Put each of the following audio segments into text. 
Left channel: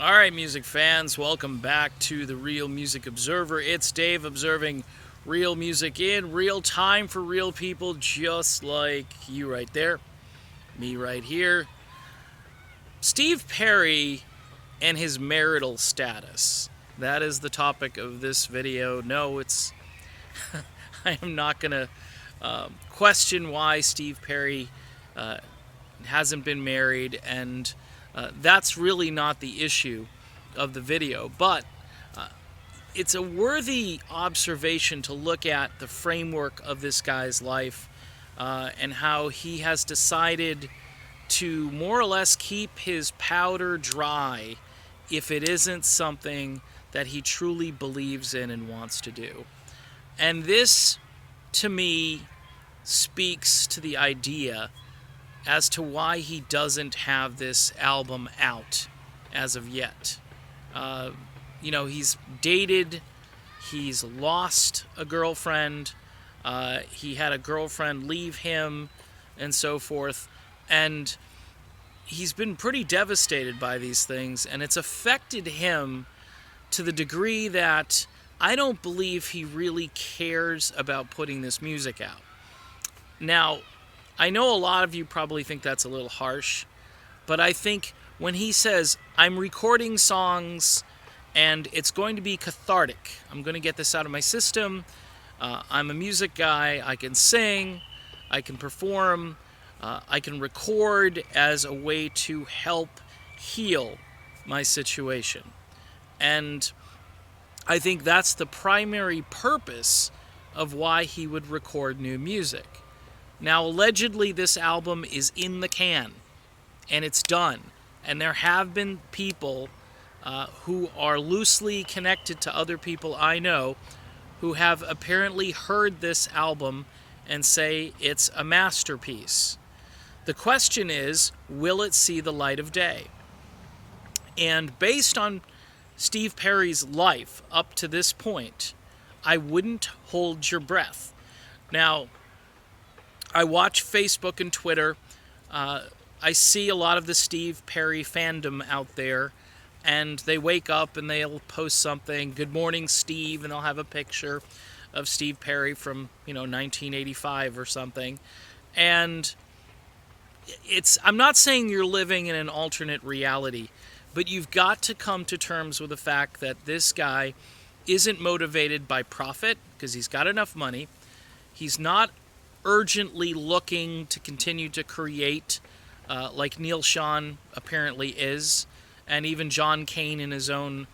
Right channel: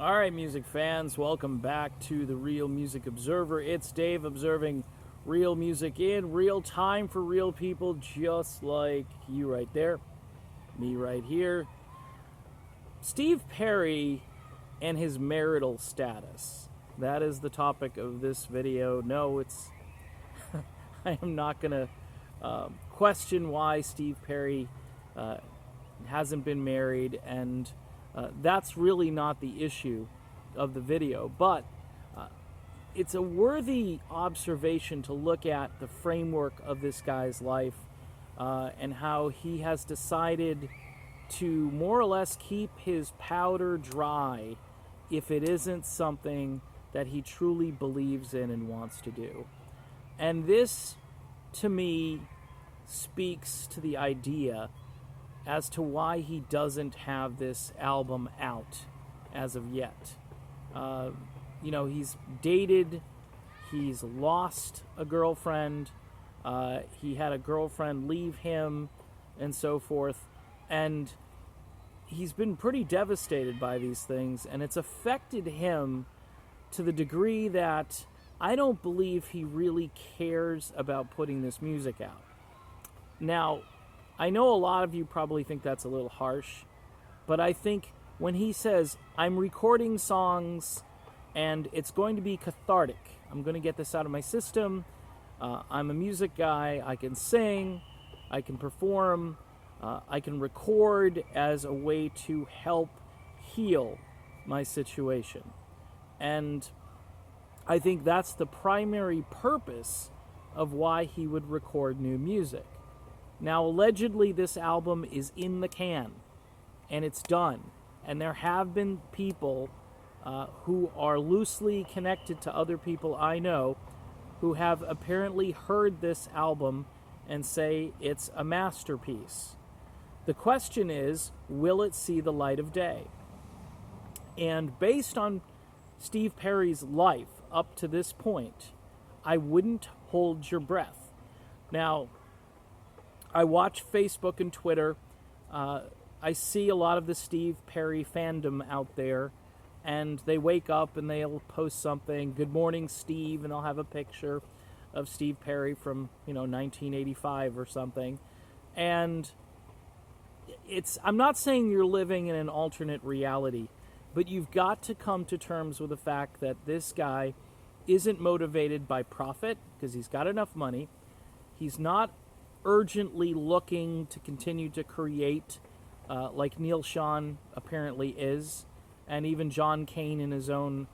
All right, music fans, welcome back to the Real Music Observer. It's Dave observing real music in real time for real people just like you right there, me right here. Steve Perry and his marital status. That is the topic of this video. No, I am not going to question why Steve Perry uh, hasn't been married, and that's really not the issue of the video. But it's a worthy observation to look at the framework of this guy's life and how he has decided to more or less keep his powder dry if it isn't something that he truly believes in and wants to do. And this, to me, speaks to the idea as to why he doesn't have this album out as of yet. He's dated, he's lost a girlfriend, he had a girlfriend leave him, and so forth. And he's been pretty devastated by these things, and it's affected him to the degree that I don't believe he really cares about putting this music out. Now, I know a lot of you probably think that's a little harsh, but I think when he says, I'm recording songs and it's going to be cathartic, I'm going to get this out of my system, I'm a music guy, I can sing, I can perform, I can record as a way to help heal my situation. And I think that's the primary purpose of why he would record new music. Now, allegedly, this album is in the can, and it's done. And there have been people who are loosely connected to other people I know who have apparently heard this album and say it's a masterpiece. The question is, will it see the light of day? And based on Steve Perry's life up to this point, I wouldn't hold your breath. Now, I watch Facebook and Twitter. I see a lot of the Steve Perry fandom out there, and they wake up and they'll post something, "Good morning, Steve," and they'll have a picture of Steve Perry from 1985 or something. And I'm not saying you're living in an alternate reality, but you've got to come to terms with the fact that this guy isn't motivated by profit because he's got enough money. He's not urgently looking to continue to create like Neil Schon apparently is, and even John Cain in his own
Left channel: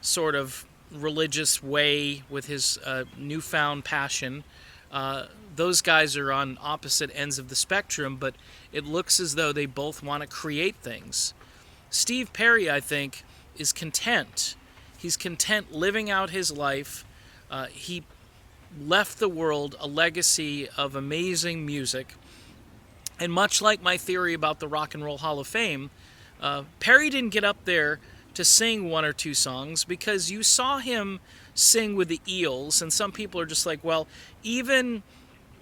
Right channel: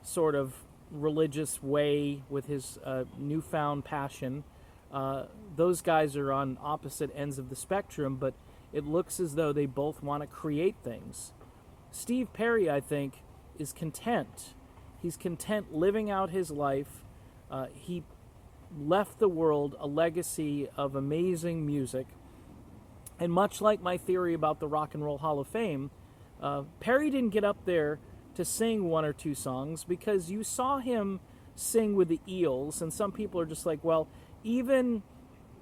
sort of religious way with his newfound passion. Those guys are on opposite ends of the spectrum, but it looks as though they both want to create things. Steve Perry, I think, is content. He's content living out his life. He left the world a legacy of amazing music. And much like my theory about the Rock and Roll Hall of Fame, Perry didn't get up there to sing one or two songs because you saw him sing with the Eels, and some people are just like, well, even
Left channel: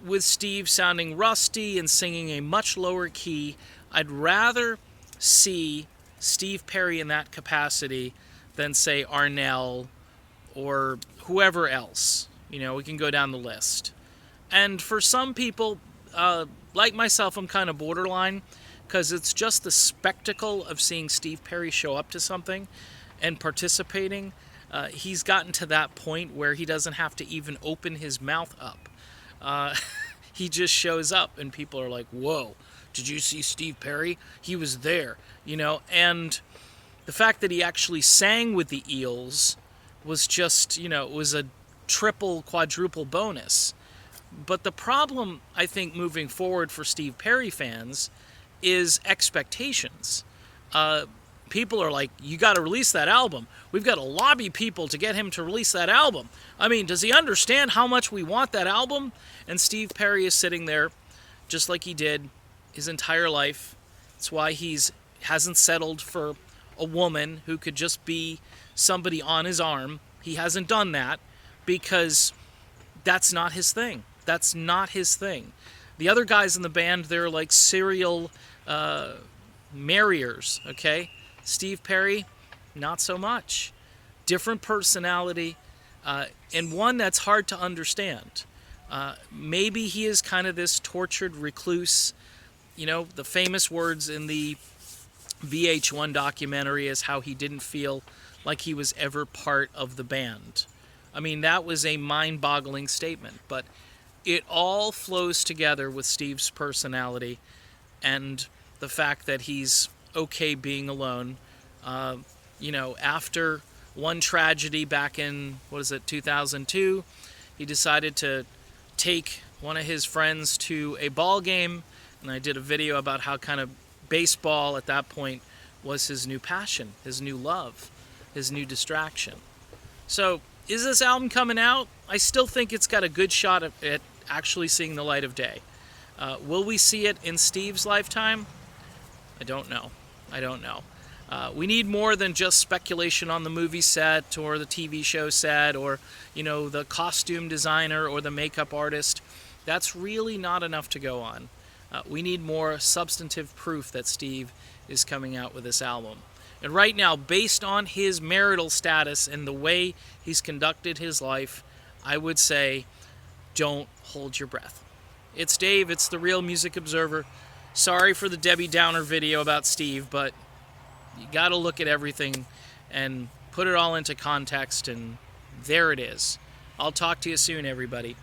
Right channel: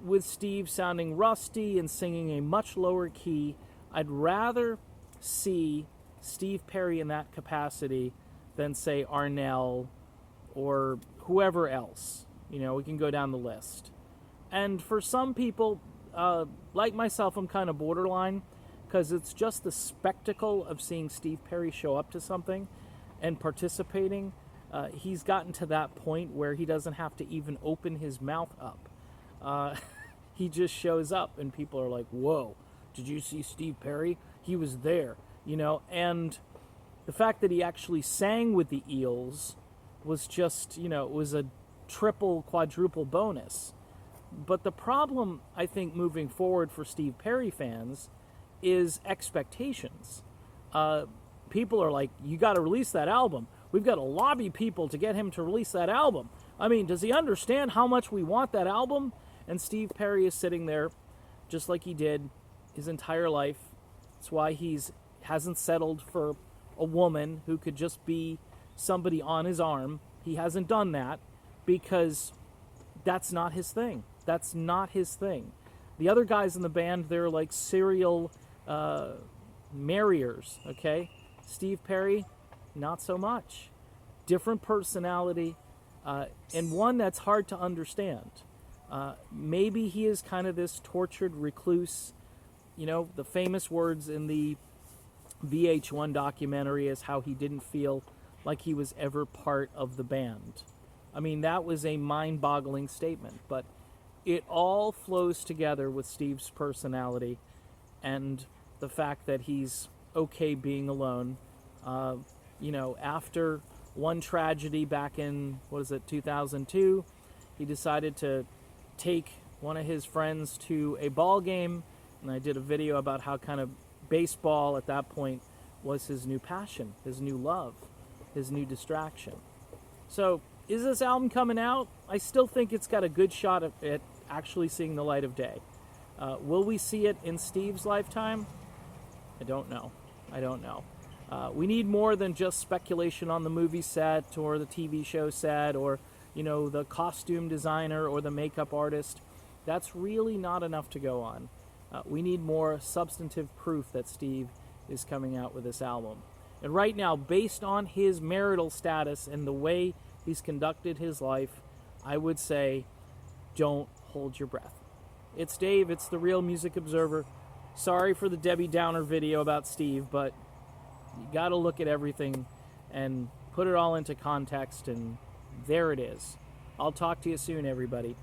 with Steve sounding rusty and singing a much lower key, I'd rather see Steve Perry in that capacity than, say, Arnell or whoever else. We can go down the list. And for some people, like myself, I'm kind of borderline because it's just the spectacle of seeing Steve Perry show up to something and participating. He's gotten to that point where he doesn't have to even open his mouth up. He just shows up and people are like, whoa, did you see Steve Perry? He was there, and the fact that he actually sang with the Eels was just, it was a triple, quadruple bonus. But the problem, I think, moving forward for Steve Perry fans is expectations. People are like, you got to release that album. We've got to lobby people to get him to release that album. I mean, does he understand how much we want that album? And Steve Perry is sitting there just like he did his entire life. That's why hasn't settled for a woman who could just be somebody on his arm. He hasn't done that because that's not his thing. That's not his thing. The other guys in the band, they're like serial marriers, okay? Steve Perry, not so much. Different personality, and one that's hard to understand. Maybe he is kind of this tortured recluse. You know, the famous words in the VH1 documentary is how he didn't feel like he was ever part of the band. I mean, that was a mind-boggling statement, but it all flows together with Steve's personality and the fact that he's okay being alone. After one tragedy back in, 2002, he decided to take one of his friends to a ball game, and I did a video about how kind of baseball at that point was his new passion, his new love, his new distraction. So, is this album coming out? I still think it's got a good shot at actually seeing the light of day. Will we see it in Steve's lifetime? I don't know. We need more than just speculation on the movie set or the TV show set or, the costume designer or the makeup artist. That's really not enough to go on. We need more substantive proof that Steve is coming out with this album. And right now, based on his marital status and the way he's conducted his life, I would say, don't hold your breath. It's Dave, it's the Real Music Observer. Sorry for the Debbie Downer video about Steve, but you got to look at everything and put it all into context, and there it is. I'll talk to you soon, everybody.